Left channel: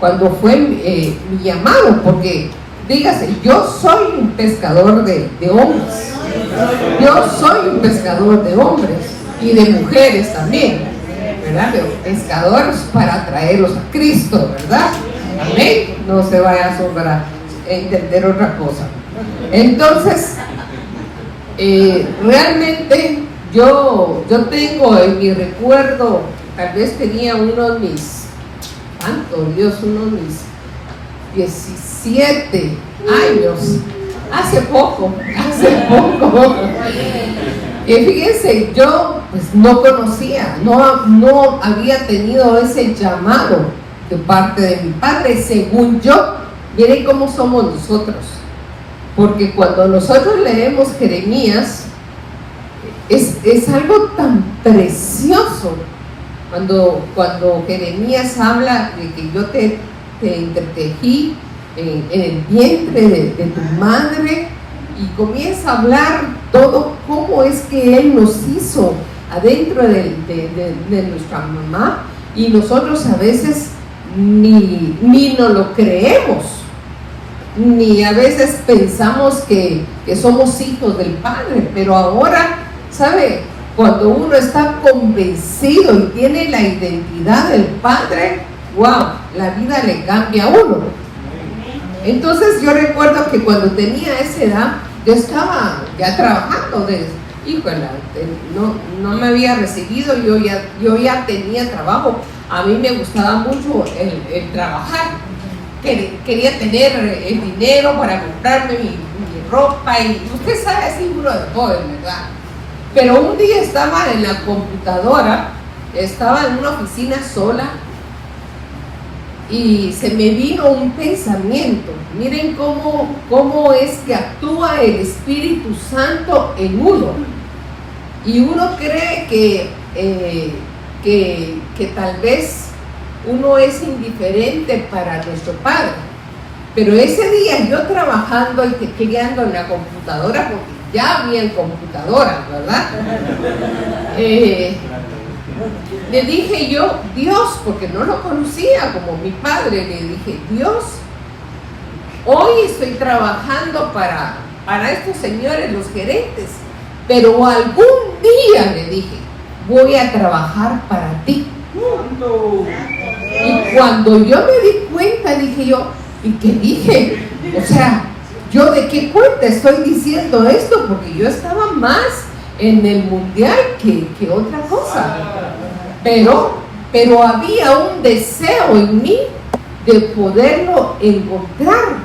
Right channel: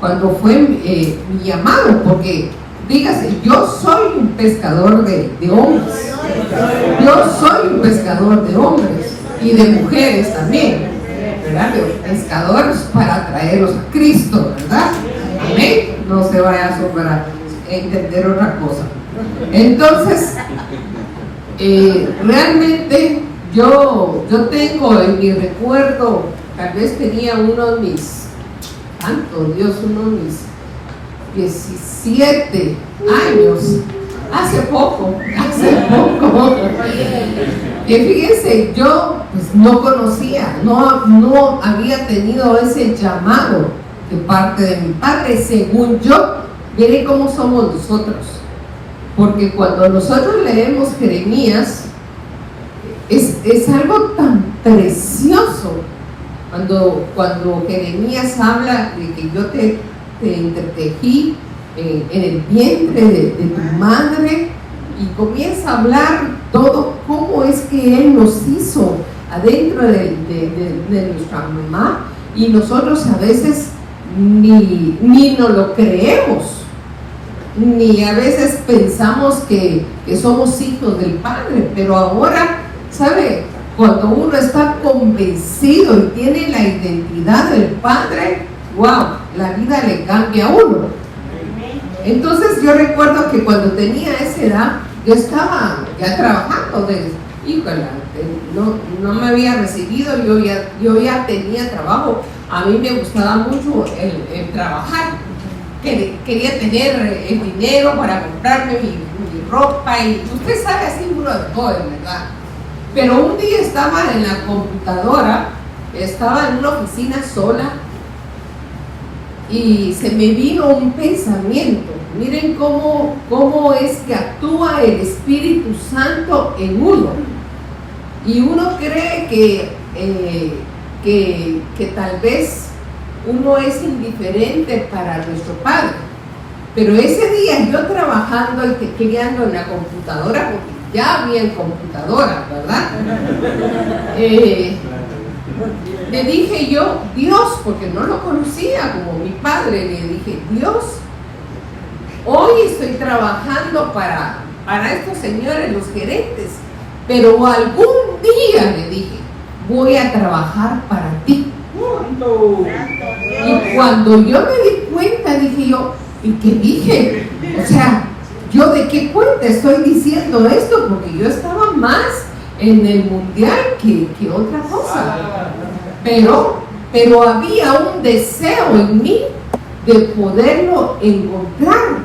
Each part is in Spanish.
cuando fue mi llamado, porque dígase, yo soy un pescador de hombres, yo soy un pescador de hombres y de mujeres también, ¿verdad? Pescadores para traerlos a Cristo, ¿verdad? Amén. No se vaya a asombrar entender otra cosa. Entonces, realmente yo tengo en mi recuerdo, tal vez tenía uno de mis 17 años, hace poco, que fíjense, yo pues no conocía, no había tenido ese llamado de parte de mi padre, según yo. Miren cómo somos nosotros, porque cuando nosotros leemos Jeremías, es algo tan precioso, cuando Jeremías habla de que yo te entretejí en el vientre de tu madre, y comienza a hablar todo cómo es que Él nos hizo adentro de nuestra mamá, y nosotros a veces ni nos lo creemos, ni a veces pensamos que somos hijos del Padre. Pero ahora, ¿sabe? Cuando uno está convencido y tiene la identidad del Padre, wow, la vida le cambia a uno. Entonces yo recuerdo que cuando tenía esa edad, yo estaba ya trabajando, no me había recibido, yo ya tenía trabajo. A mí me gustaba mucho el trabajar, quería tener el dinero para comprarme mi ropa, y usted sabe, así uno de todo, ¿verdad? Pero un día estaba en la computadora, estaba en una oficina sola, y se me vino un pensamiento. Miren cómo es que actúa el Espíritu Santo en uno, y uno cree que tal vez uno es indiferente para nuestro Padre. Pero ese día yo trabajando y tecleando en la computadora, porque ya había computadora, ¿verdad? Le dije yo, Dios, porque no lo conocía como mi padre, le dije, Dios, hoy estoy trabajando para estos señores, los gerentes, pero algún día, le dije, voy a trabajar para ti. Y cuando yo me di cuenta, dije yo, ¿y qué dije? O sea, ¿yo de qué cuenta estoy diciendo esto? Porque yo estaba más en el mundial que otra cosa. Pero había un deseo en mí de poderlo encontrar.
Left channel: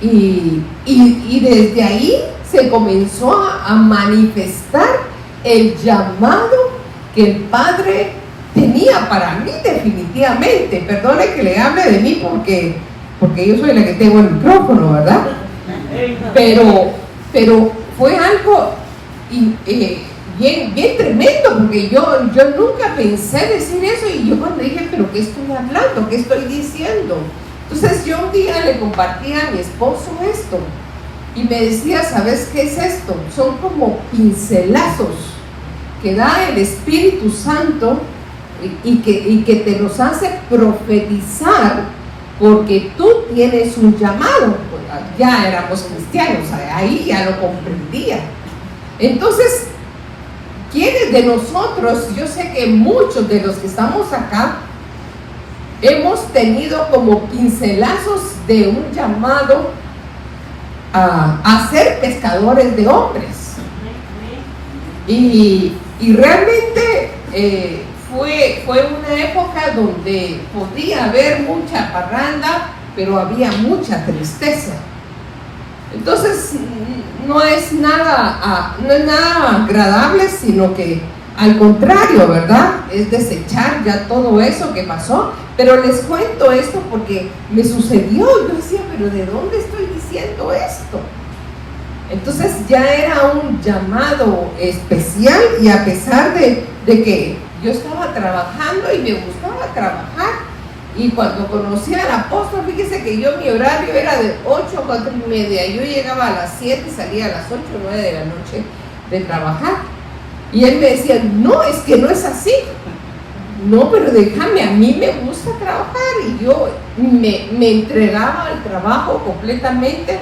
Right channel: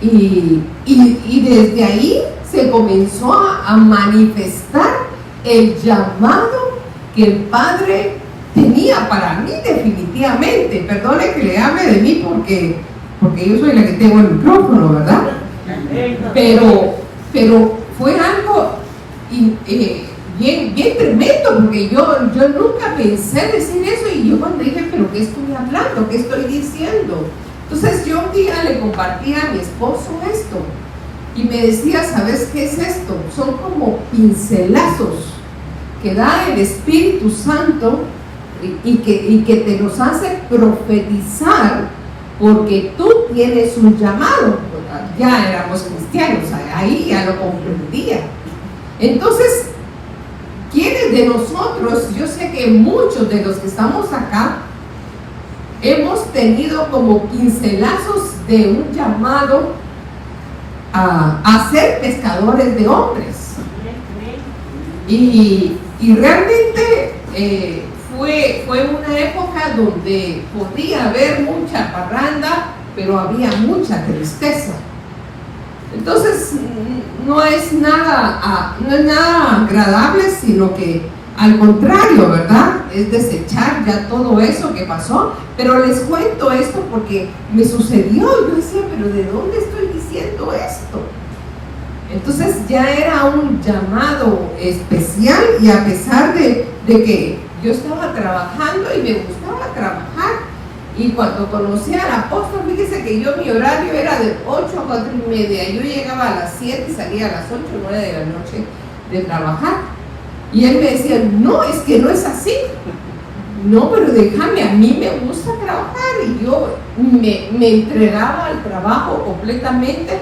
Y desde ahí se comenzó a manifestar el llamado que el Padre tenía para mí, definitivamente. Perdone que le hable de mí porque yo soy la que tengo el micrófono, ¿verdad? Pero fue algo bien tremendo, porque yo nunca pensé decir eso, y yo cuando dije, ¿pero qué estoy hablando? ¿Qué estoy diciendo? Entonces yo un día le compartí a mi esposo esto, y me decía, ¿sabes qué es esto? Son como pincelazos que da el Espíritu Santo y que te los hace profetizar, porque tú tienes un llamado. Ya éramos cristianos, ahí ya lo comprendía. Entonces, ¿quiénes de nosotros? Yo sé que muchos de los que estamos acá hemos tenido como pincelazos de un llamado a ser pescadores de hombres, y realmente fue una época donde podía haber mucha parranda, pero había mucha tristeza. Entonces no es nada agradable, sino que al contrario, ¿verdad? Es desechar ya todo eso que pasó. Pero les cuento esto porque me sucedió. Yo decía, ¿pero de dónde estoy diciendo esto? Entonces ya era un llamado especial, y a pesar de que yo estaba trabajando y me gustaba trabajar, y cuando conocí al apóstol, fíjese que mi horario era de 8 a 4:30, yo llegaba a las 7 y salía a las 8 o 9 de la noche de trabajar, y él me decía, no, es que no es así, no, pero déjame, a mí me gusta trabajar, y yo me entregaba al trabajo completamente,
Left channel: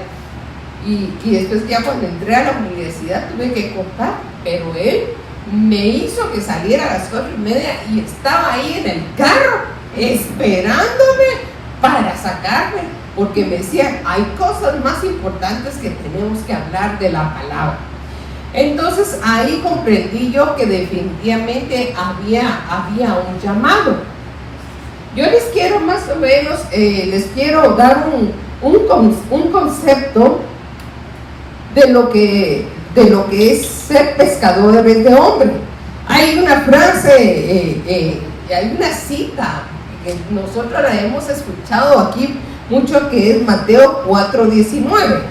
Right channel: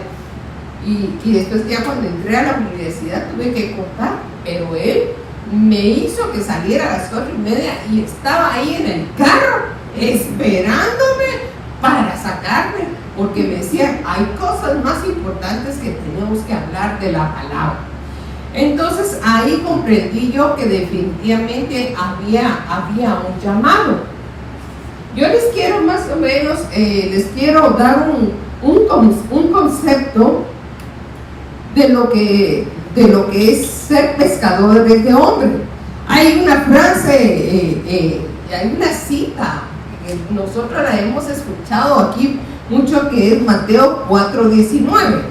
y después ya cuando entré a la universidad tuve que cortar, pero él me hizo que saliera a las 4:30 y estaba ahí en el carro esperándome para sacarme, porque me decía, hay cosas más importantes que tenemos que hablar de la palabra. Entonces ahí comprendí yo que definitivamente había un llamado. Yo les quiero más o menos, les quiero dar un concepto de lo que es ser pescadores de hombres. Hay una frase, hay una cita que nosotros la hemos escuchado aquí mucho, que es Mateo 4:19,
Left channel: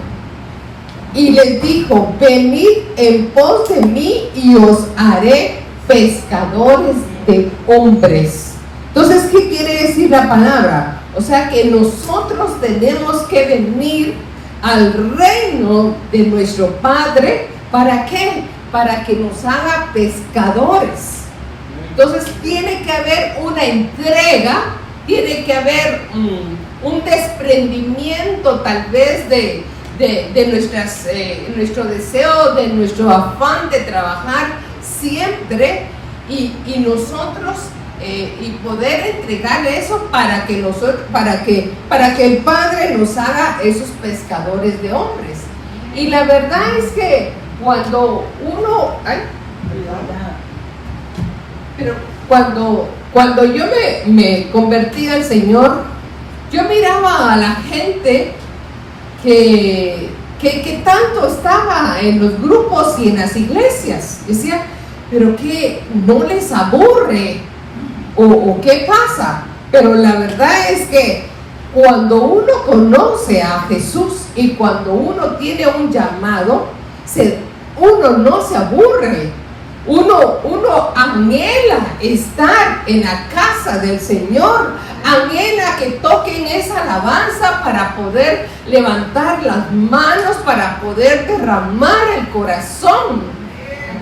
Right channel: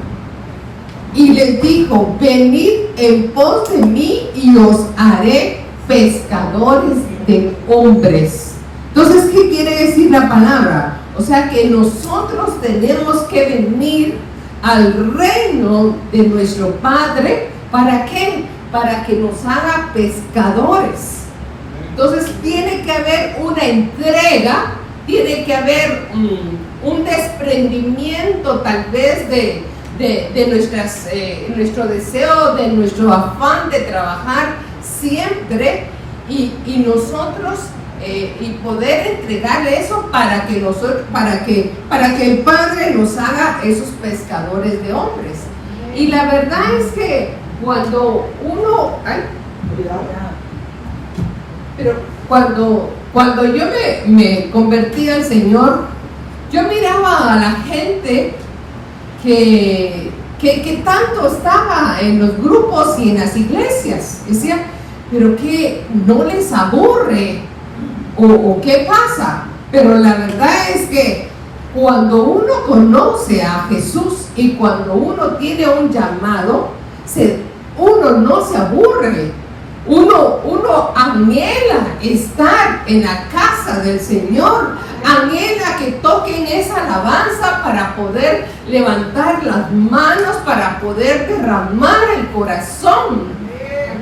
y les dijo, venid en pos de mí y os haré pescadores de hombres. Entonces, ¿qué quiere decir la palabra? O sea que nosotros tenemos que venir al reino de nuestro Padre. ¿Para qué? Para que nos haga pescadores. Entonces tiene que haber una entrega, tiene que haber un desprendimiento tal vez de nuestro deseo, de nuestro afán de trabajar siempre, y nosotros y poder entregarle eso para que el Padre nos haga esos pescadores de hombres. Y la verdad es que cuando uno, pero cuando yo me convertí al Señor, yo miraba a la gente que tanto estaba en los grupos y en las iglesias. Decía, pero que no les aburre, o qué pasa. Pero la verdad es que cuando uno conoce a Jesús y cuando uno tiene un llamado, uno no se aburre. Uno anhela estar en la casa del Señor, anhela que toquen esa alabanza para poder levantar las manos, para poder derramar el corazón.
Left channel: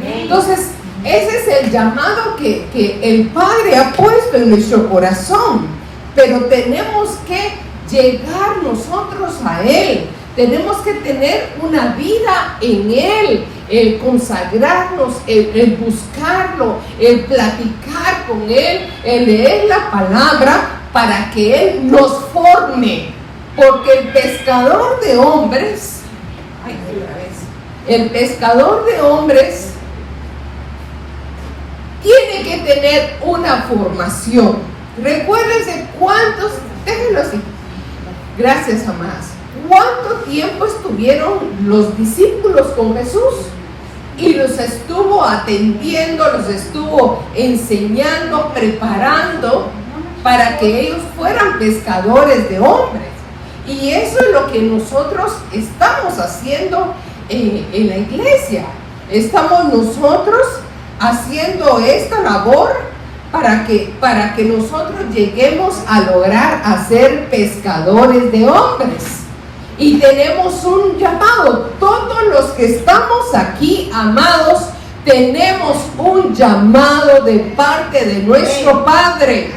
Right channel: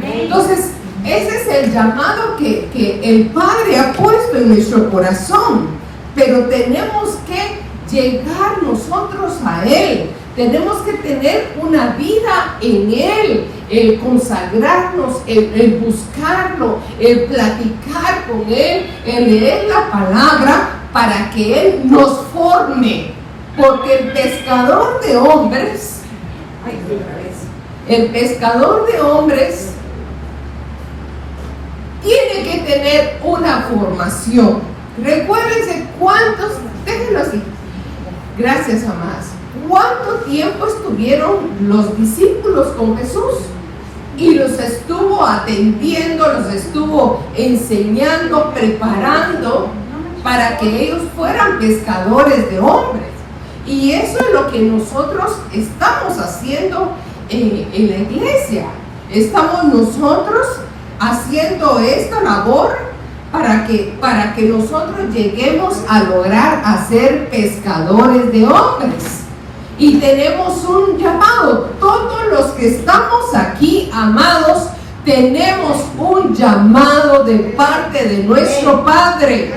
Entonces, ese es el llamado que el Padre ha puesto en nuestro corazón, pero tenemos que llegar nosotros a Él. Tenemos que tener una vida en Él, el consagrarnos, el buscarlo, el platicar con Él, el leer la palabra para que Él nos forme. Porque el pescador de hombres, el pescador de hombres tiene que tener una formación. Recuérdense déjenlo así. Gracias, amadas. ¿Cuánto tiempo estuvieron los discípulos con Jesús? Y los estuvo atendiendo, los estuvo enseñando, preparando para que ellos fueran pescadores de hombres. Y eso es lo que nosotros estamos haciendo en la iglesia. Estamos nosotros haciendo esta labor para que nosotros lleguemos a lograr hacer pescadores de hombres. Y tenemos un llamado. Todos los que estamos aquí, amados, tenemos un llamado de parte de nuestro Padre.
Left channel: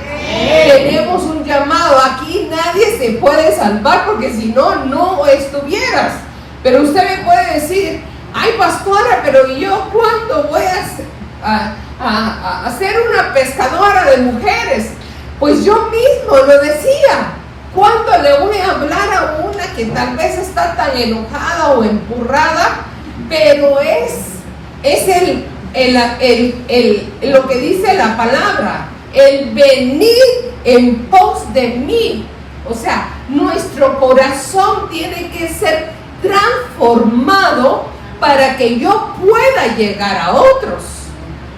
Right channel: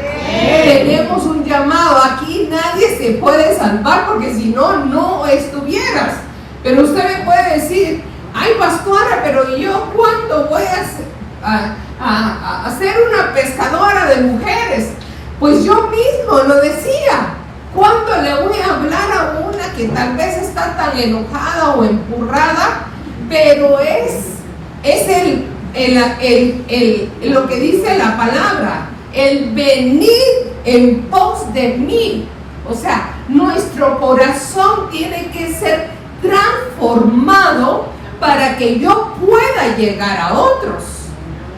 Tenemos un llamado. Aquí nadie se puede salvar, porque si no, no estuvieras. Pero usted me puede decir, ay, pastora, pero yo ¿cuándo voy a ser una pescadora de mujeres? Pues yo mismo lo decía. ¿Cuándo le voy a hablar a una que tal vez está tan enojada o empurrada? Pero es lo que dice la palabra, el venir en pos de mí. O sea, nuestro corazón tiene que ser transformado para que yo pueda llegar a otros.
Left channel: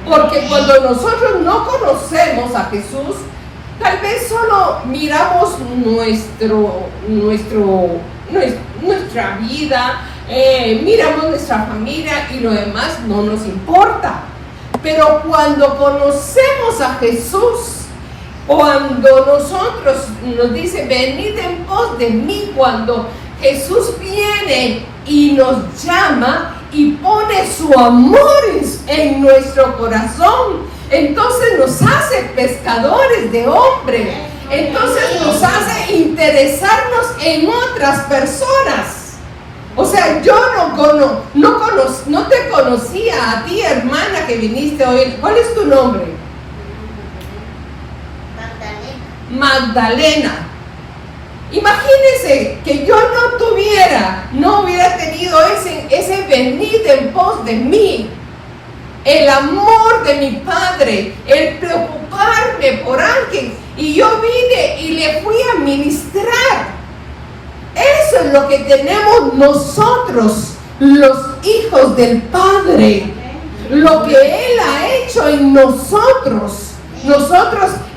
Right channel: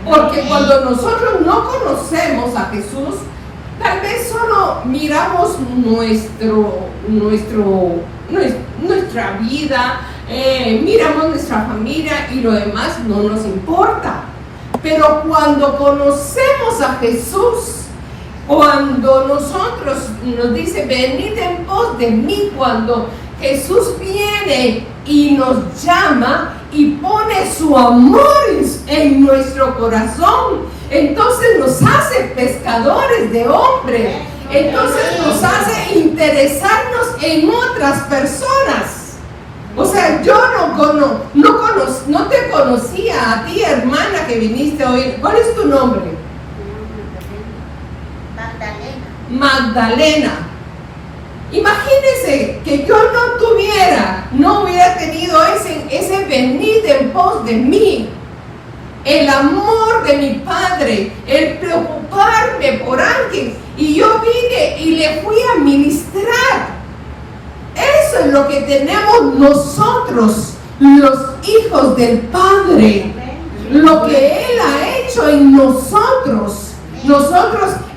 Porque cuando nosotros no conocemos a Jesús, tal vez solo miramos nuestra vida, miramos nuestra familia y lo demás no nos importa. Pero cuando conocemos a Jesús, cuando nosotros nos dice, venid en pos de mí, cuando Jesús viene y nos llama y pone su amor en nuestro corazón, entonces nos hace pescadores de hombres. Entonces nos hace interesarnos en otras personas. O sea, yo no te conocía a ti, hermana, que viniste hoy. ¿Cuál es tu nombre? Magdalena. Imagínense que yo no hubiera tenido ese venir en pos de mí, el amor de mi Padre, el preocuparme por alguien, y yo vine y le fui a ministrar. Eso es lo que tenemos nosotros, los hijos del Padre, lo que Él ha hecho en nosotros.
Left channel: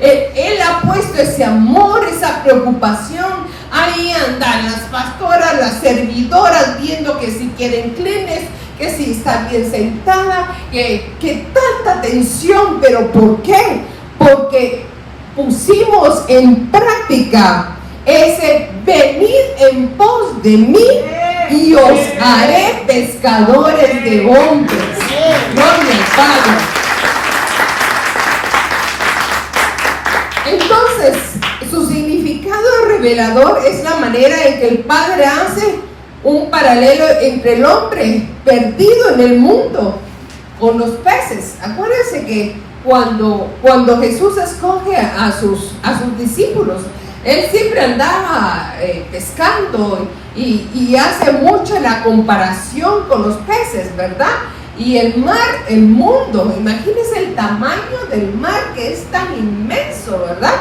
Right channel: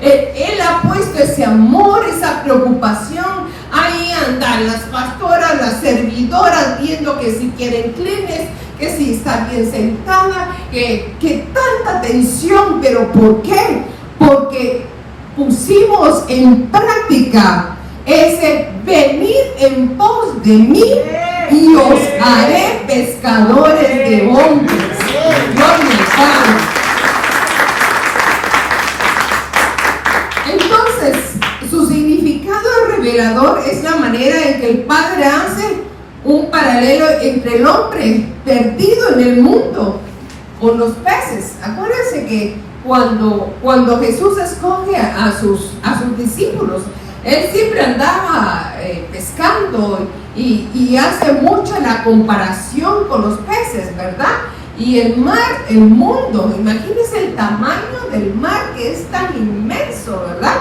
Él ha puesto ese amor, esa preocupación. Ahí andan las pastoras, las servidoras, viendo que si quieren Kleenex, que si está bien sentada, que tanta atención. ¿Pero por qué? Porque pusimos en práctica ese venir en pos de mí y os haré pescadores de hombres. Gloria al Padre. Entonces, su significado revelador es la manera en que el Padre hace un paralelo entre el hombre perdido en el mundo con los peces. Acuérdense que cuando Jesús escoge a sus discípulos, Él siempre andaba pescando y hace mucho la comparación con los peces, ¿verdad? Y el mar, el mundo, imagínense el tamaño del mar, que es tan inmenso, ¿verdad?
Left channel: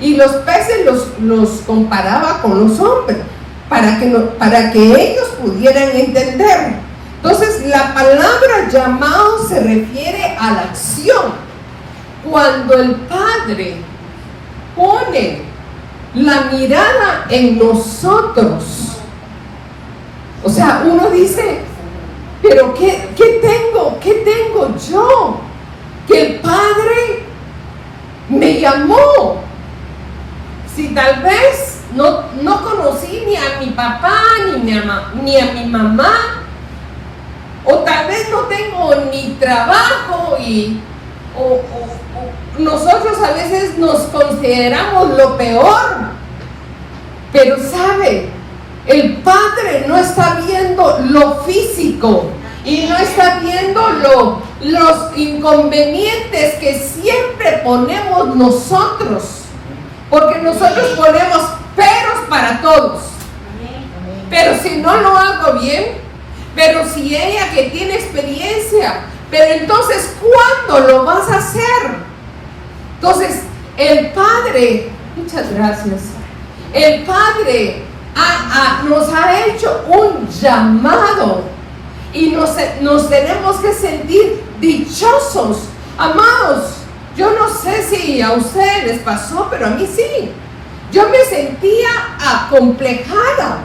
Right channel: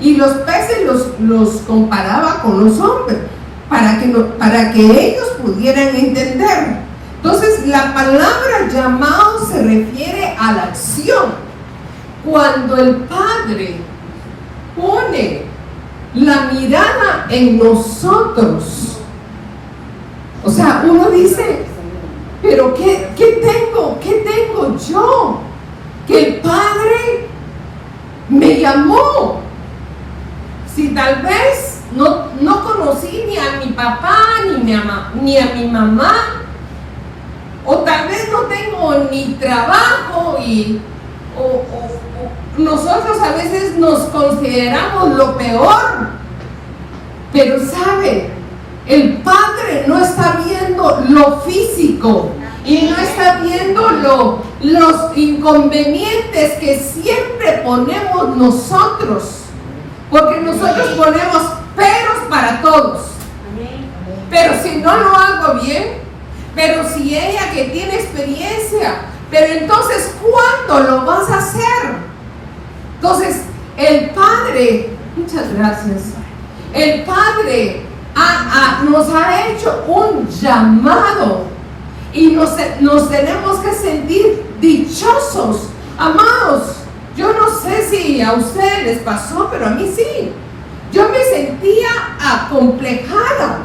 Y los peces los comparaba con los hombres, para que ellos pudieran entender. Entonces, la palabra llamado se refiere a la acción. Cuando el Padre pone la mirada en nosotros, o sea, uno dice, pero ¿qué tengo yo? Que el Padre me llamó. Si tal vez no conocí ni a mi papá, ni a mi mamá, o tal vez no tengo ni trabajo, o nosotros a veces nos consideramos lo peor. Pero ¿sabe? El Padre no está viendo lo físico y no está viendo los inconvenientes que siempre ponemos nosotros, porque nosotros ponemos peros para todos. Pero si no lo hago bien, pero si ella que tiene experiencia, pero entonces ¿cuándo lo vas a hacer? Entonces el Padre, muchas gracias, el Padre nos ha hecho un llamado y nos tenemos que sentir dichosos. Amados, yo no sé si a ustedes les pasó, pero a mí sí. Yo me sentía acomplejada,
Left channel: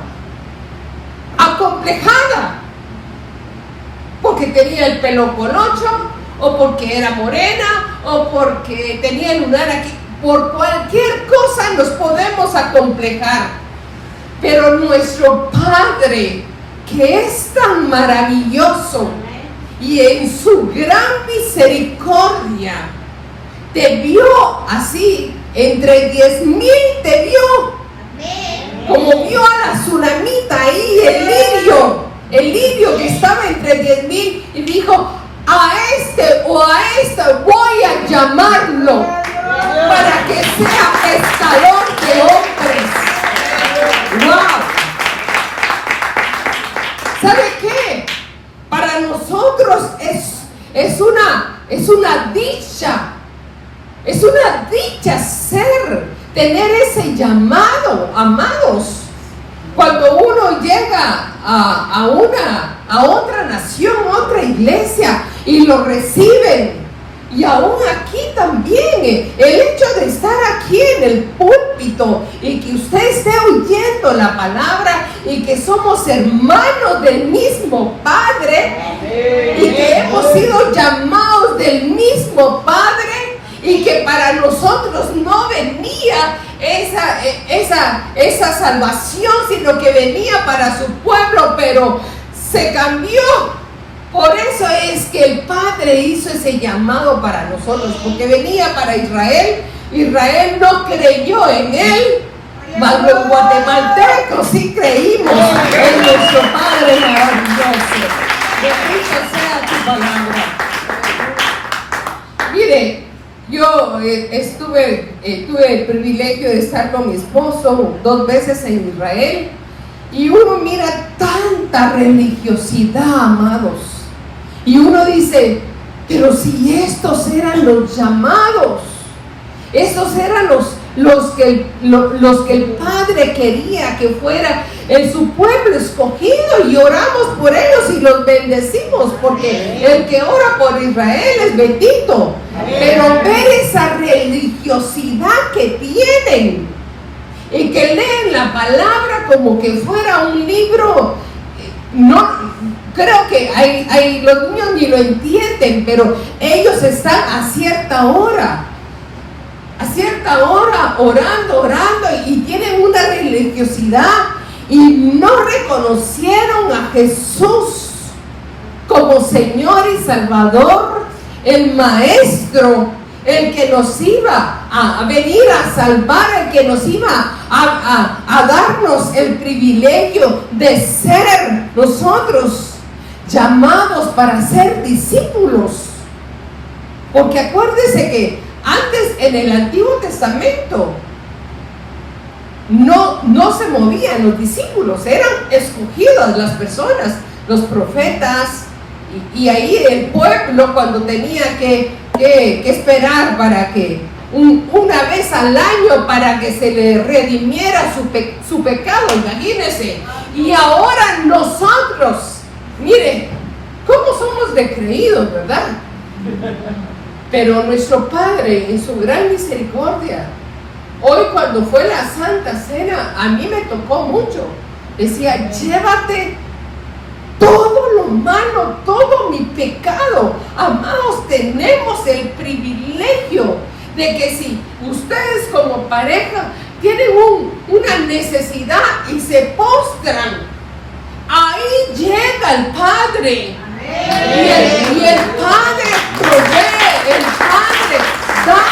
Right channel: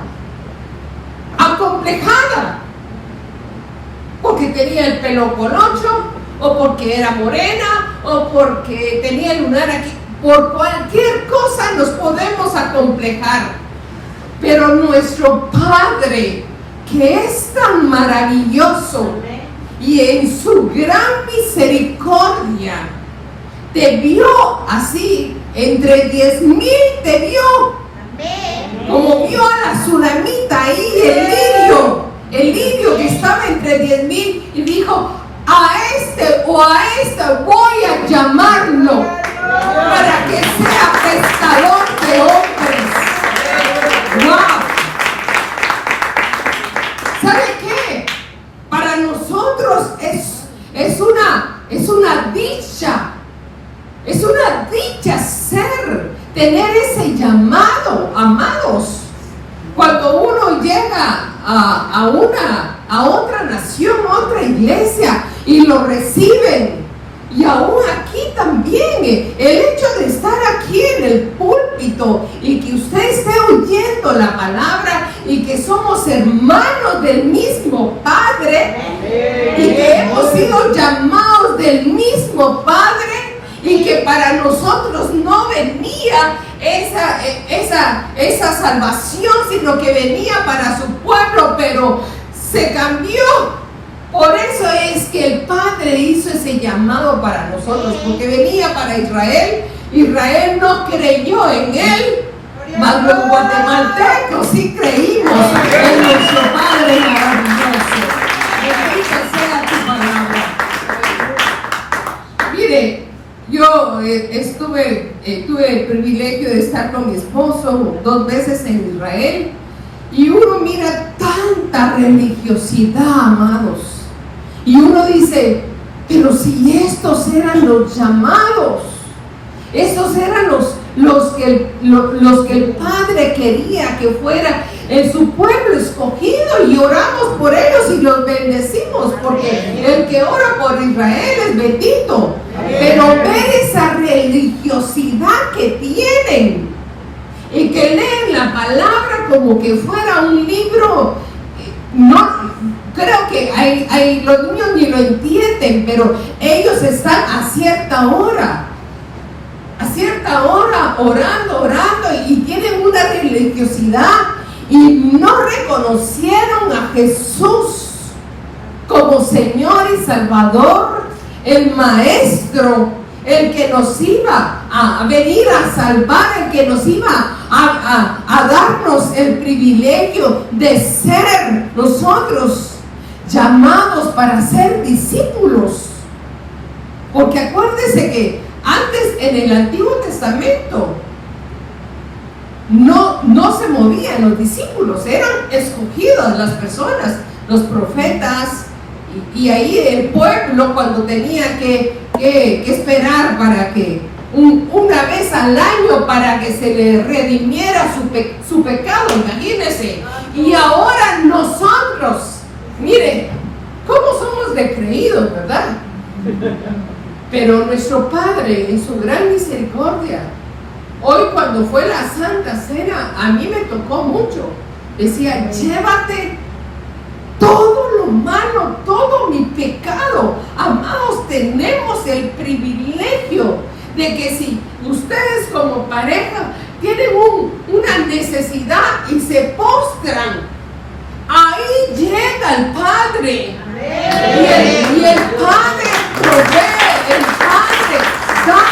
porque tenía el pelo colocho, o porque era morena, o porque tenía el lunar aquí. Por cualquier cosa nos podemos acomplejar. Pero nuestro Padre, que es tan maravilloso, y en su gran misericordia, te vio así, entre 10,000 te vio, como vio a la tsunamita ahí, el lirio que estaba entre 10,000, y dijo, a este o a esta voy a llamarlo, para que sea pescador de hombres. ¡Wow! ¿Sabe qué? Para nosotros es una dicha. Es una dicha tener ese llamado, amados. Cuando uno llega a otra nación, otra iglesia, y lo reciben. Y aún aquí también, el hecho de estar aquí en el púlpito y que usted esté oyendo la palabra y que somos hermanos del mismo Padre y que hemos sido llamados del mismo Padre y que para nosotros no venía esa salvación, sino que venía para su pueblo, pero se cambió Por eso es que el Padre hizo ese llamado para nosotros, porque venía para Israel. Israel no creyó en él, mas los guatemaltecos sí creímos en nuestro Padre maravilloso. Bendito sea tu palabra. Mire, yo tuve el privilegio de estar con mi esposo 2 veces en Israel, y uno mira tanta religiosidad, amados, y uno dice, pero si estos eran los llamados, estos eran los que el Padre quería que fuera en su pueblo escogido, y oramos por ellos y los bendecimos, porque el que ora por Israel es bendito. Pero ver esa religiosidad que tienen y que leen la palabra como que fuera un libro, no creo que los niños ni lo entienden, pero ellos están a cierta hora orando, y tienen una religiosidad, y no reconocieron a Jesús como Señor y Salvador, el Maestro, el que nos iba a venir a salvar, el que nos iba a darnos el privilegio de ser nosotros llamados para ser discípulos. Porque acuérdese que antes, en el Antiguo Testamento, no se movían los discípulos, eran escogidas las personas, los profetas, y ahí el pueblo, cuando tenía que esperar para que una vez al año para que se le redimiera su pecado, imagínense. Y ahora nosotros, miren cómo somos de creídos, ¿verdad? Pero nuestro Padre, en su gran misericordia, hoy cuando fue la Santa Cena, a mí me tocó mucho. Decía, llévate todo lo malo, todo mi pecado. Amados, tenemos el privilegio de que si ustedes como pareja tienen una necesidad y se postran, ahí llega el Padre. Y el Padre provee, el Padre da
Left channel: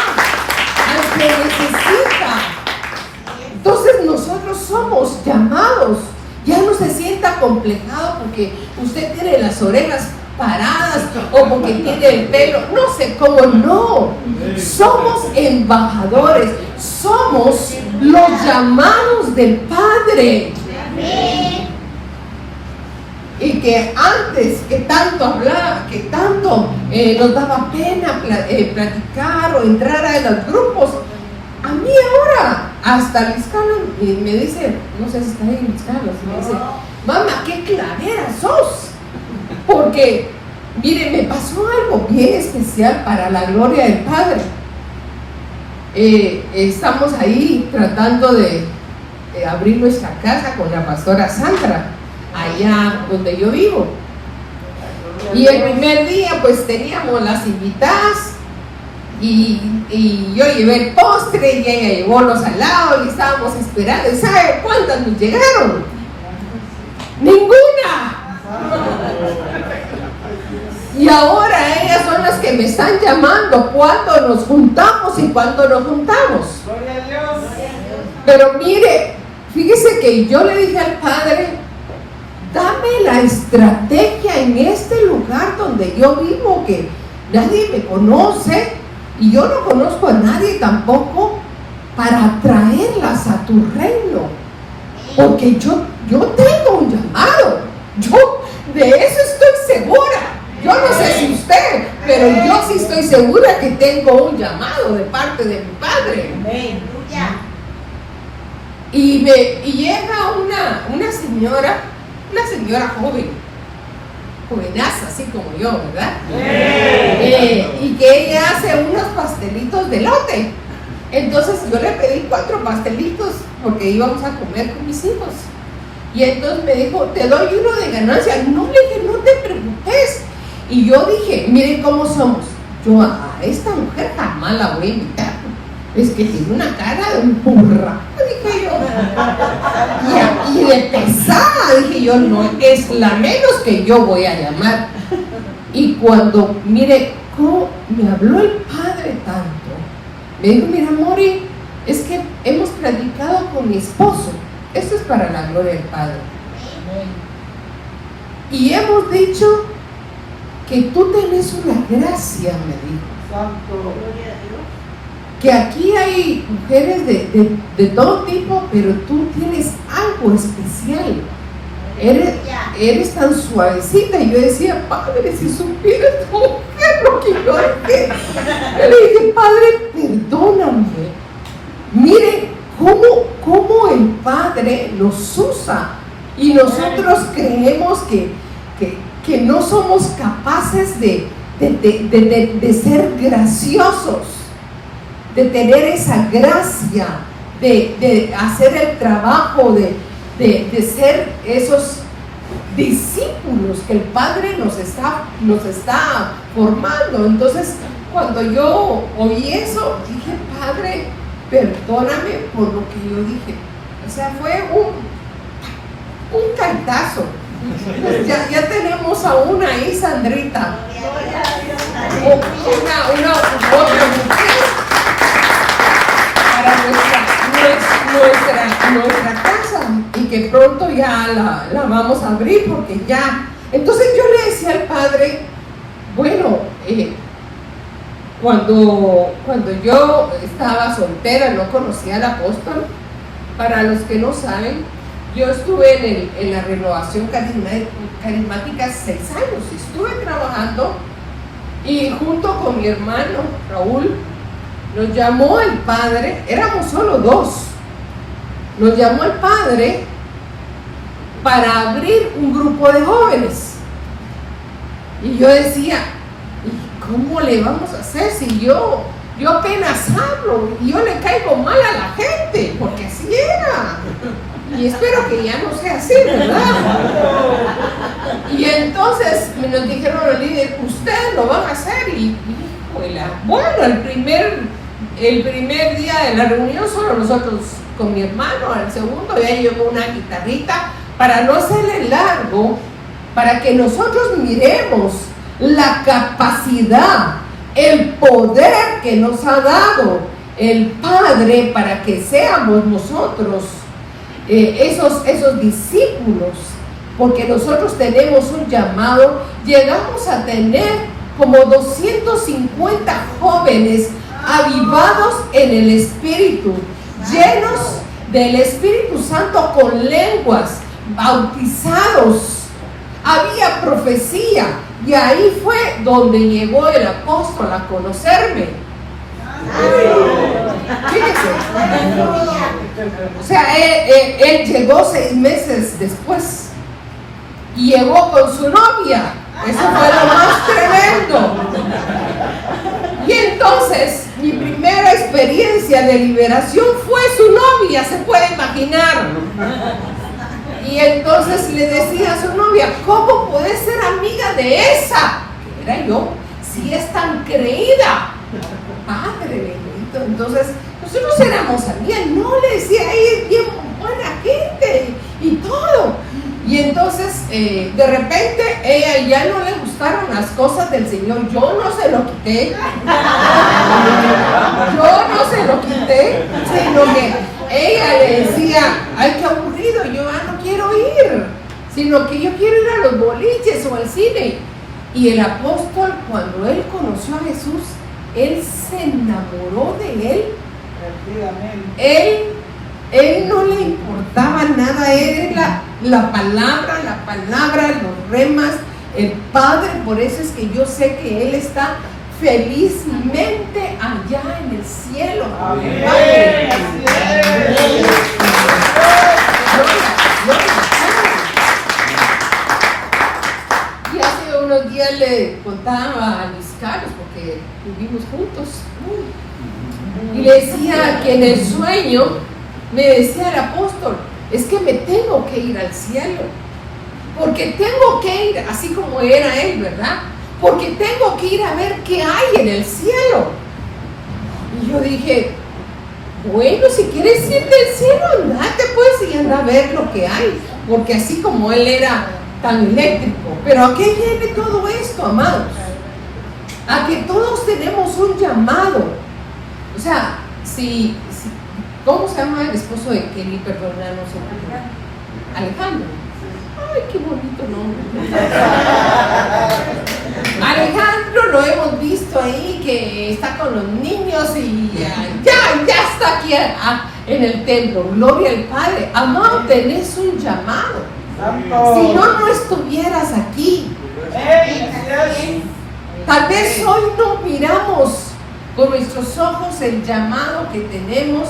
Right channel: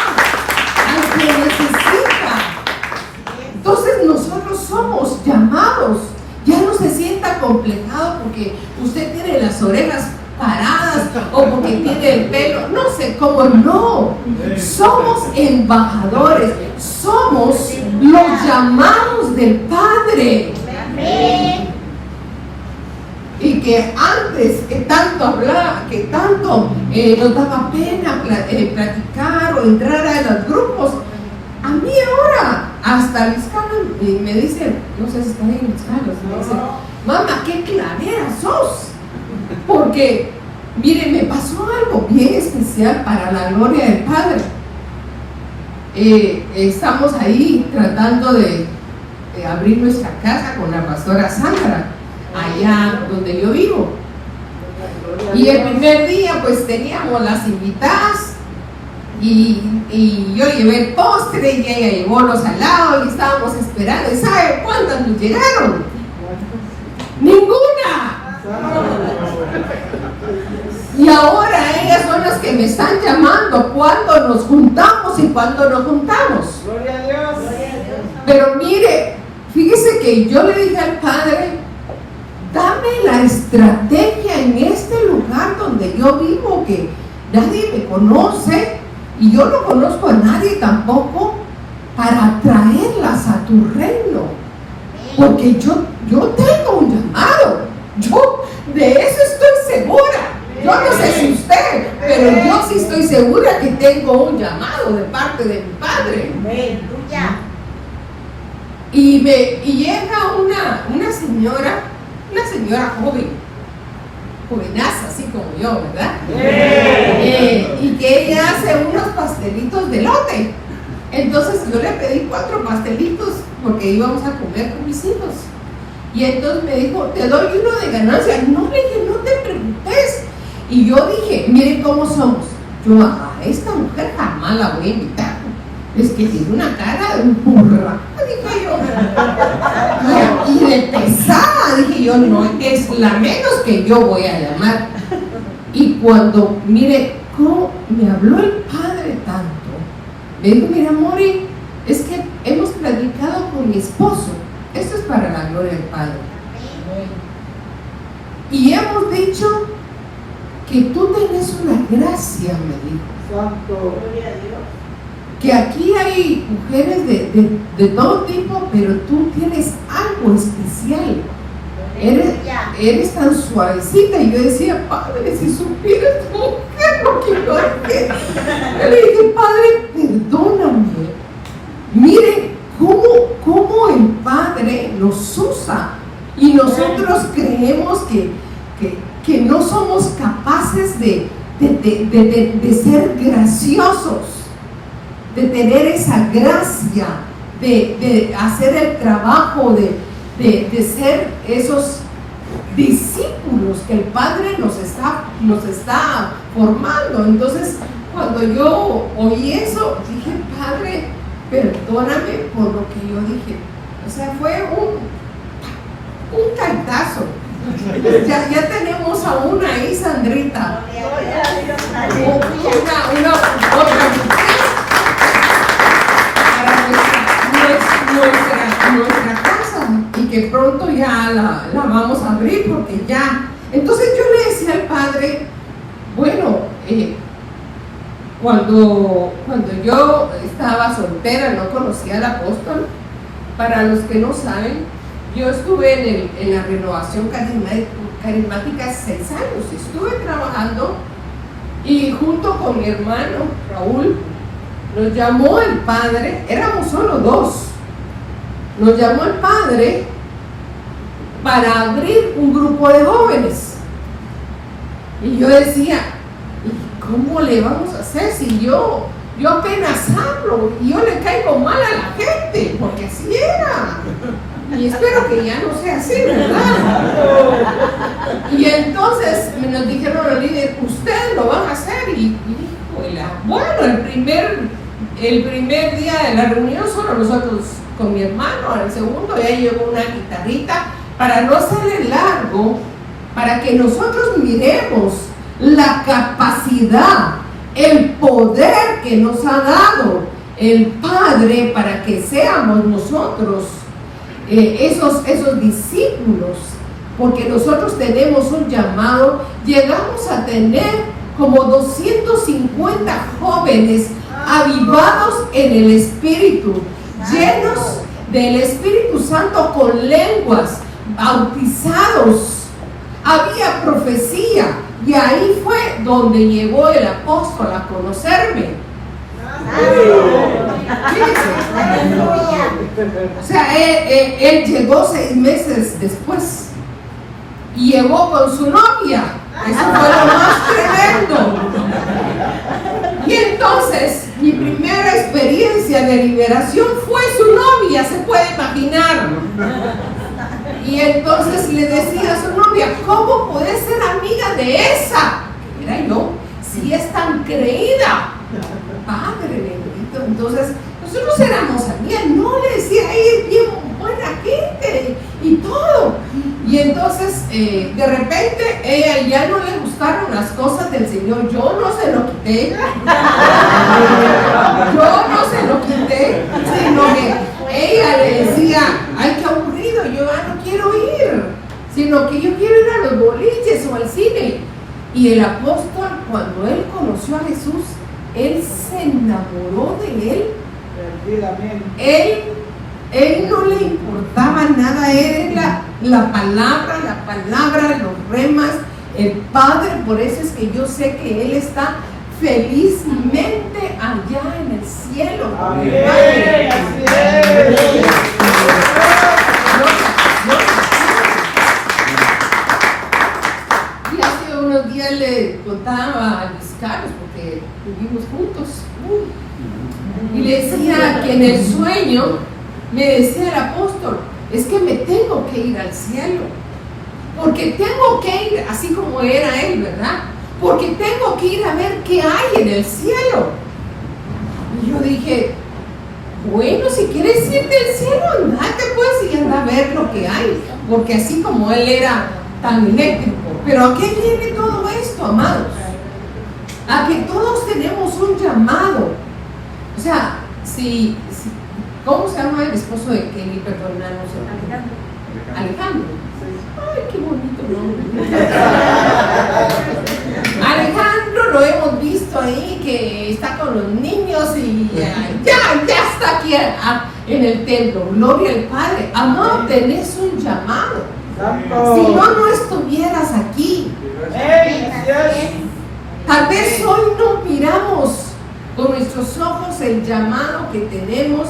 al que necesita. Entonces nosotros somos llamados. Ya no se sienta complejado porque usted tiene las orejas paradas o porque tiene el pelo, no sé cómo, no. Somos embajadores, somos los llamados del Padre. Y que antes que tanto hablaba, que tanto nos daba pena platicar o entrar a los grupos, a mí ahora hasta mis caras me dicen, no sé si están en mis caras, me dicen, mamá, qué clavera sos. Porque, miren, me pasó algo bien especial para la gloria del Padre. Estamos ahí tratando de abrir nuestra casa con la pastora Sandra, allá donde yo vivo. Y el primer día pues teníamos las invitadas y yo llevé el postre y ella llevó los salados y estábamos esperando. ¿Y sabe cuántas nos llegaron? ¡Ninguna! Y ahora ellas son las que me están llamando cuando nos juntamos y cuando nos juntamos. Pero mire, fíjese que yo le dije al Padre, dame la estrategia en este lugar donde yo vivo, que nadie me conoce y yo no conozco a nadie tampoco, para traerlas a tu reino. Porque yo tengo un llamado, yo de eso estoy segura. Yo no sé si usted, pero yo sí estoy segura que tengo un llamado de parte de mi Padre. Y llega una señora jovenaza, así como yo, ¿verdad? Y que ella hace unos pastelitos de elote. Entonces yo le pedí 4 pastelitos porque íbamos a comer con mis hijos. Y entonces me dijo, te doy uno de ganancia. No, le dije, no te preocupes. Y yo dije, miren cómo somos. Yo a esta mujer jamás la voy a invitar. Es que tiene una cara de un burra, dije yo. Y de pesada, dije yo, no, es la menos que yo voy a llamar. Y cuando, mire, cómo me habló el Padre tanto, me dijo, mira, Mori, es que hemos platicado con mi esposo, esto es para la gloria del Padre, y hemos dicho que tú tenés una gracia, me dijo. Que aquí hay mujeres de todo tipo, pero tú tienes algo especial. Eres tan suavecita. Y yo decía, Padre, si supieras tú qué es lo que yo hago. Yo le dije, Padre, perdóname. Mire cómo el Padre nos usa. Y nosotros creemos que no somos capaces de ser graciosos, de tener esa gracia, de hacer el trabajo, de ser esos discípulos que el Padre nos está formando. Entonces, cuando yo oí eso, dije, Padre, perdóname por lo que yo dije. O sea, fue un cantazo. Ya tenemos a una ahí, Sandrita, una otra mujer para nuestra casa, y que pronto ya la vamos a abrir, porque ya. Entonces yo le decía al Padre, bueno, cuando yo estaba soltera, no conocía al apóstol. Para los que no saben, yo estuve en la renovación carismática 6 años, estuve trabajando, y junto con mi hermano Raúl nos llamó el Padre, éramos solo 2, nos llamó el Padre para abrir un grupo de jóvenes. Y yo decía, ¿y cómo le vamos a hacer si yo apenas hablo y yo le caigo mal a la gente? Porque así era. Y espero que ya no sea así, ¿verdad? Y entonces nos dijeron al líder, ustedes lo van a hacer. Y bueno, el primer día de la reunión solo nosotros con mi hermano, al segundo ya llevó una guitarrita, para no hacerle largo, para que nosotros miremos la capacidad, el poder que nos ha dado el Padre para que seamos nosotros esos discípulos, porque nosotros tenemos un llamado. Llegamos a tener como 250 jóvenes avivados en el Espíritu, llenos del Espíritu Santo, con lenguas, bautizados, había profecía, y ahí fue donde llegó el apóstol a conocerme. O sea, él llegó 6 meses después y llegó con su novia. Eso fue lo más tremendo. Y entonces mi primera experiencia de liberación fue su novia, se puede imaginar. Y entonces le decía a su novia, ¿cómo puedes ser amiga de esa? Era yo, si es tan creída. Padre bendito. Entonces nosotros éramos amigas, no le decía, ella es bien buena gente y todo. Y entonces de repente ella ya no le gustaron las cosas del Señor. Yo no se lo quité, sino que ella le decía, ay, qué aburrido, yo ya no quiero ir, sino que yo quiero ir a los boliches o al cine. Y el apóstol, cuando él conoció a Jesús, él se enamoró de él. Él no le importaba nada, él era la palabra, los remas, el Padre. Por eso es que yo sé que él está felizmente allá en el cielo. Amén. Padre. Y hace unos días le contaba a Luis Carlos, porque vivimos juntos, y le decía que en el sueño me decía el apóstol, es que me tengo que ir al cielo, porque tengo que ir, así como era él, ¿verdad? Porque tengo que ir a ver qué hay en el cielo. Y yo dije, bueno, si quieres ir del cielo, andate pues y anda a ver lo que hay, porque así como él era tan eléctrico. Pero ¿a qué viene todo esto? amados, a que todos tenemos un llamado. O sea, ¿cómo se llama el esposo de Kelly? Perdónanos. Alejandro. Ay, qué bonito nombre. Alejandro lo hemos visto ahí, que está con los niños y ya está aquí en el templo. Gloria al Padre. Amado, tenés un llamado. Si no estuvieras aquí. Tal vez hoy no miramos con nuestros ojos el llamado que tenemos,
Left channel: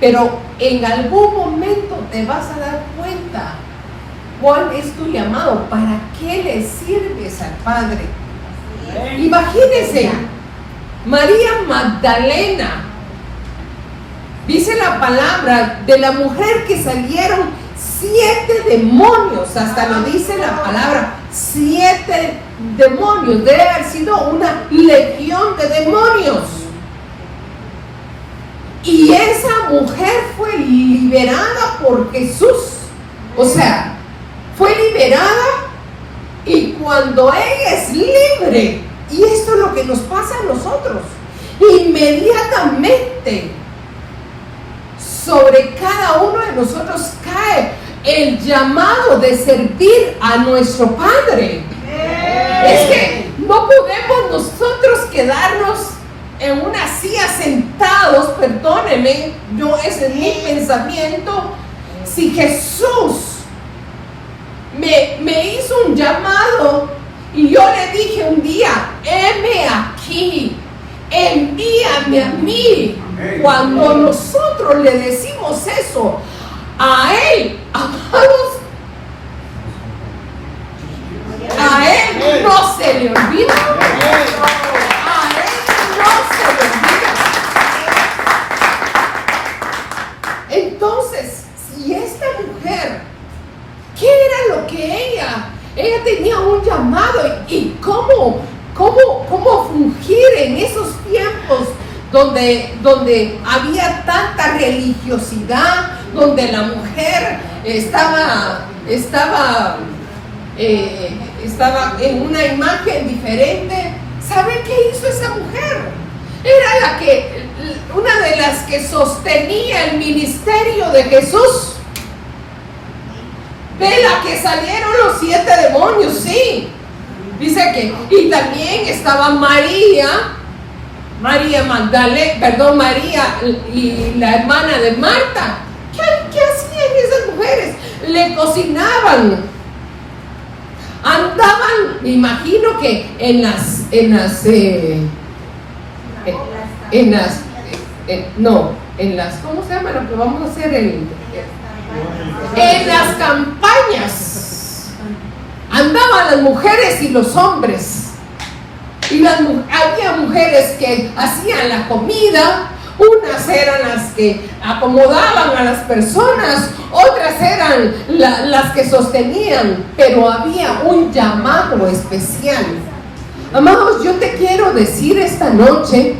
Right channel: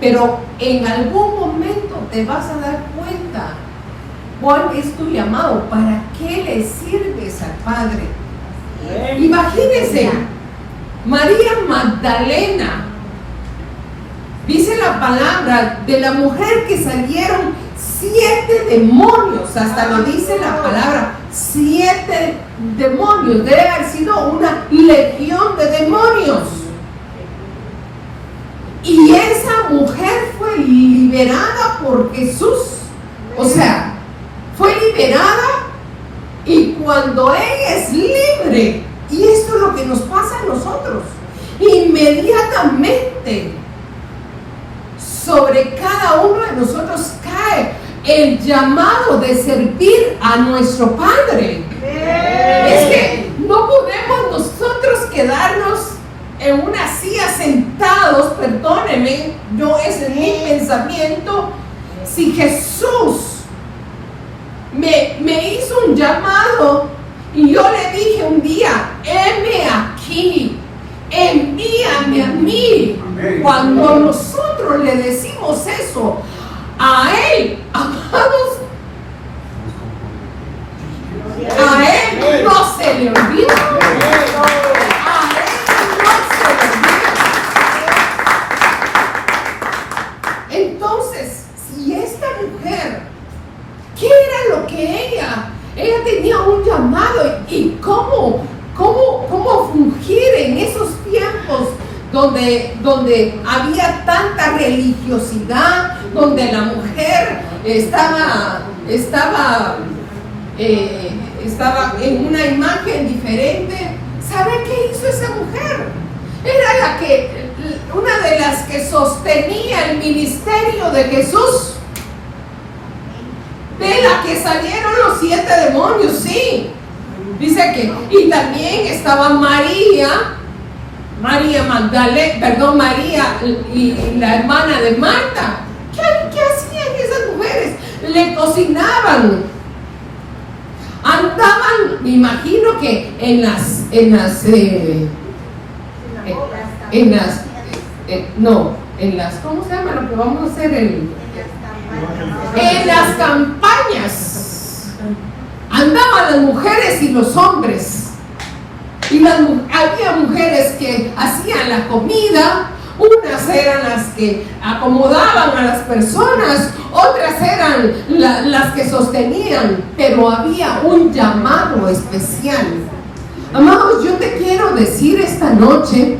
pero en algún momento te vas a dar cuenta cuál es tu llamado, para qué le sirves al Padre. Imagínense, María Magdalena, dice la palabra de la mujer que salieron 7 demonios, hasta lo dice la palabra, 7 demonios, debe haber sido una legión de demonios. Y esa mujer fue liberada por Jesús. O sea, fue liberada, y cuando ella es libre, y esto es lo que nos pasa a nosotros, inmediatamente sobre cada uno de nosotros cae el llamado de servir a nuestro Padre. Es que no podemos nosotros quedarnos en una silla sentados, perdónenme, ese es mi pensamiento. Si Jesús me hizo un llamado y yo le dije un día, heme aquí, envíame a mí. Cuando nosotros le decimos eso a Él, amados, a Él no se le olvida. A Él no se le olvida. Entonces, si esta mujer, ¿qué era lo que ella tenía un llamado? ¿Y cómo fungir en esos tiempos donde había tanta religiosidad, donde la mujer estaba en una imagen diferente? ¿Sabe qué hizo esa mujer? Era una de las que sostenía el ministerio de Jesús. De la que salieron los 7 demonios, sí. Dice que, y también estaba María y la hermana de Marta. ¿Qué hacían esas mujeres? Le cocinaban. Andaban, me imagino que ¿cómo se llama lo que vamos a hacer? En las campañas andaban las mujeres y los hombres, y había mujeres que hacían la comida, unas eran las que acomodaban a las personas, otras eran las que sostenían, pero había un llamado especial. Amados, yo te quiero decir esta noche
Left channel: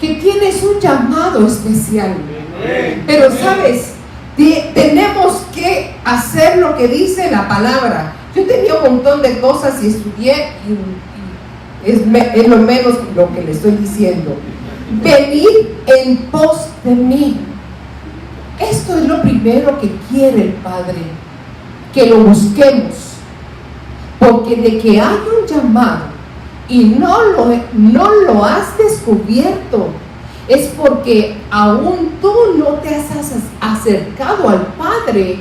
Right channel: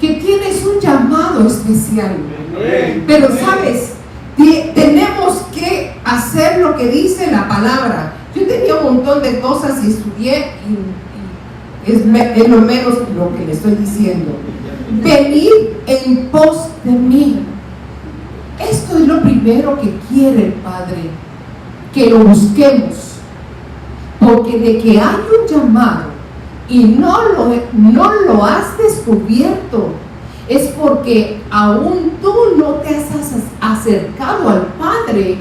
que tienes un llamado especial, pero sabes, tenemos que hacer lo que dice la palabra. Yo tenía un montón de cosas y estudié, y es lo menos lo que le estoy diciendo. Venid en pos de mí. Esto es lo primero que quiere el Padre, que lo busquemos, porque de que hay un llamado y no lo has descubierto, es porque aún tú no te has acercado al Padre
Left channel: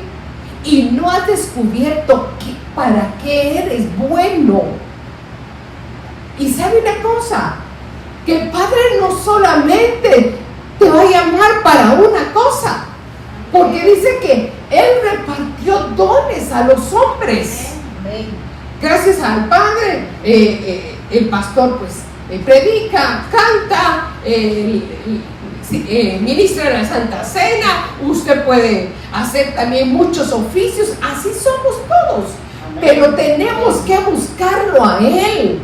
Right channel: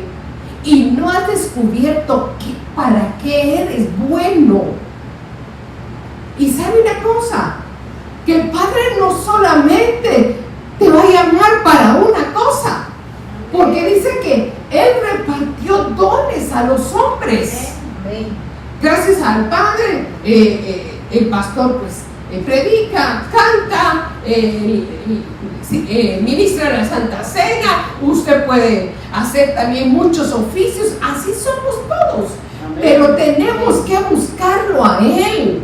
y no has descubierto para qué eres bueno. Y sabe una cosa, que el Padre no solamente te va a llamar para una cosa, porque dice que Él repartió dones a los hombres. Gracias al Padre, el pastor pues predica, canta, ministra la Santa Cena, usted puede hacer también muchos oficios, así somos todos, pero tenemos que buscarlo a Él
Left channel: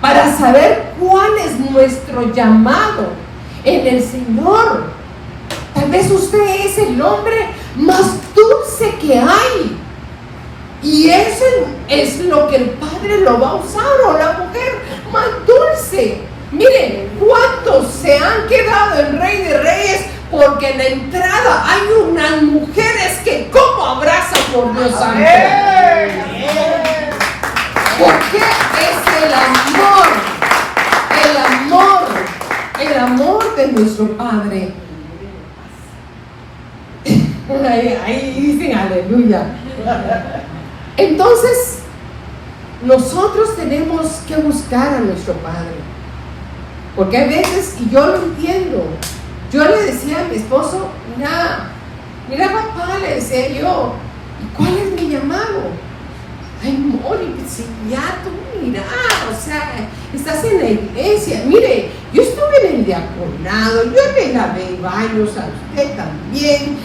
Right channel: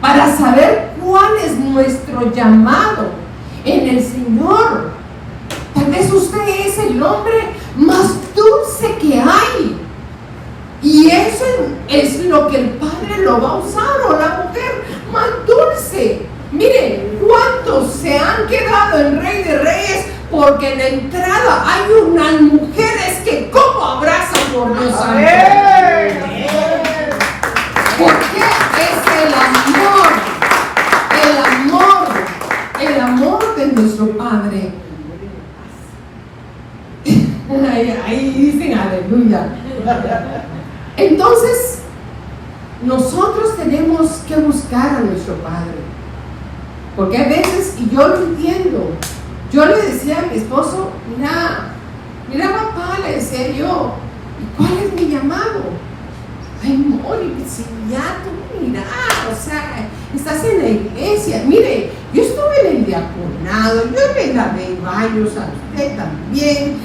para saber cuál es nuestro llamado en el Señor. Tal vez usted es el hombre más dulce que hay, y eso es lo que el Padre padre lo va a usar, o la mujer más dulce. Miren, ¿cuántos se han quedado en Rey de Reyes? Porque en la entrada hay unas mujeres que como abrazan por Dios santo. Porque es el amor de nuestro Padre. Ahí dicen aleluya. Entonces, nosotros tenemos que buscar a nuestro Padre. Porque a veces, y yo lo entiendo, yo le decía a mi esposo, mira papá, le decía yo, ¿y cuál es mi llamado? Ay, Mori, si ya tú mira, o sea, estás en la iglesia. Mire, yo estuve en el diaconado, yo le lavé baños a usted también.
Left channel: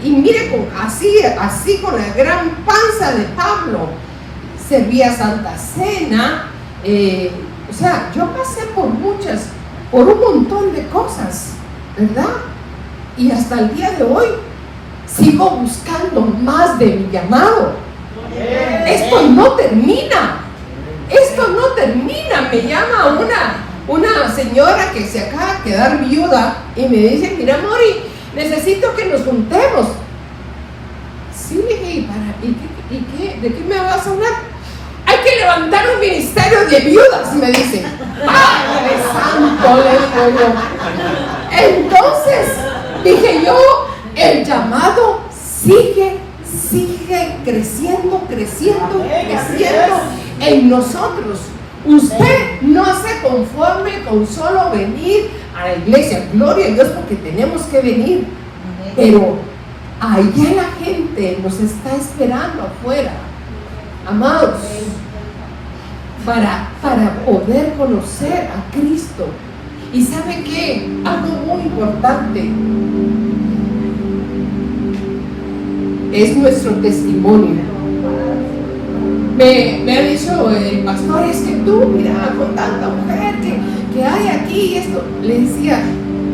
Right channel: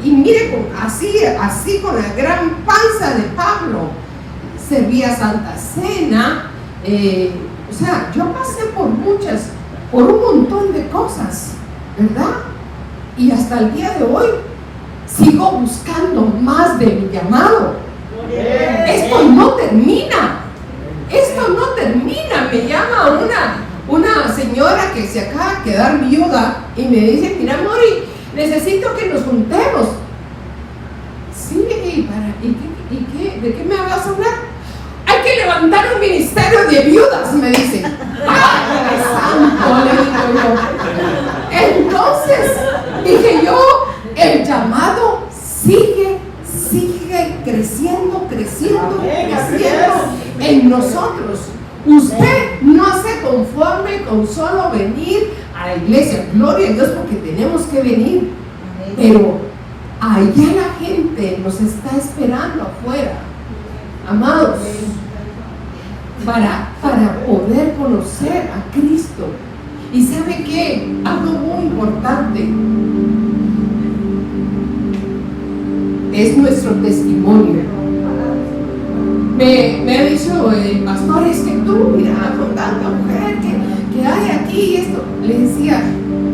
Y mire, así con la gran panza de Pablo, servía Santa Cena. O sea, yo pasé por un montón de cosas, ¿verdad? Y hasta el día de hoy sigo buscando más de mi llamado. Esto no termina. Me llama una señora que se acaba de quedar viuda y me dice, mira Mori, necesito que nos juntemos. Sí, ¿de qué me vas a hablar? Hay que levantar un ministerio de viudas, me dice. ¡Padre santo! Le digo yo. Entonces dije yo, el llamado sigue creciendo en nosotros. Usted no se conforme con solo venir a la iglesia, gloria a Dios, porque tenemos que venir, pero allá la gente nos está esperando afuera, amados, para poder conocer a Cristo. Y ¿sabe qué? Algo muy importante es nuestro testimonio. Me ha dicho el pastor, es que tú, mira, con tanta mujer que hay aquí, esto. Le decía,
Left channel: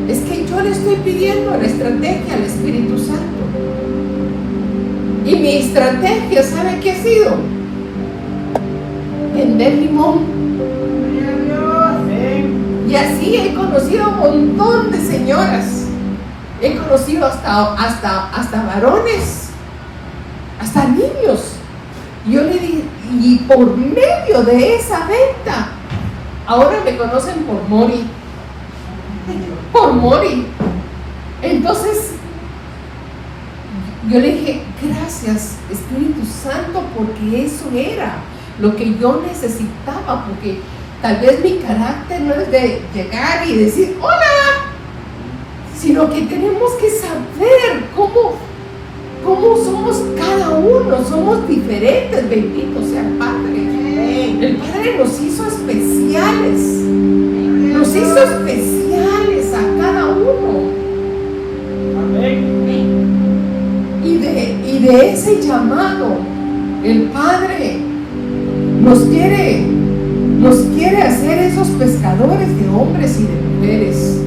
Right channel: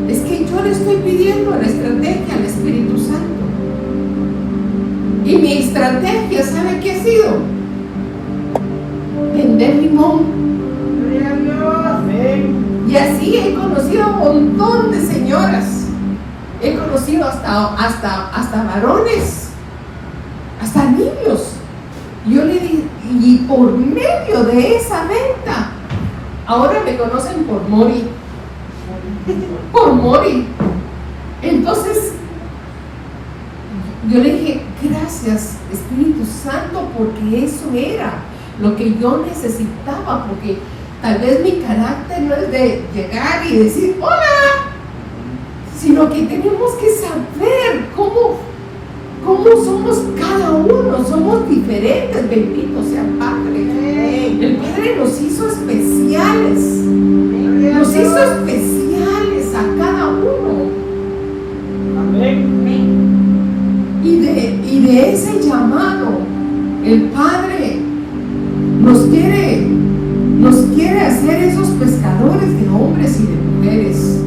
es que yo le estoy pidiendo la estrategia al Espíritu Santo. Y mi estrategia, ¿sabe qué ha sido? Vender limón. Y así he conocido a un montón de señoras. He conocido hasta varones, hasta niños. Yo le dije, y por medio de esa venta, ahora me conocen por Mori. Por Mori. Entonces, yo le dije, gracias Espíritu Santo, porque eso era lo que yo necesitaba, porque tal vez mi carácter no es de llegar y decir hola, sino que tenemos que saber cómo somos cada uno. Somos diferentes, bendito sea el Padre. El Padre nos hizo especiales, a cada uno. Y de ese llamado el Padre nos quiere hacer esos pescadores de hombres y de mujeres.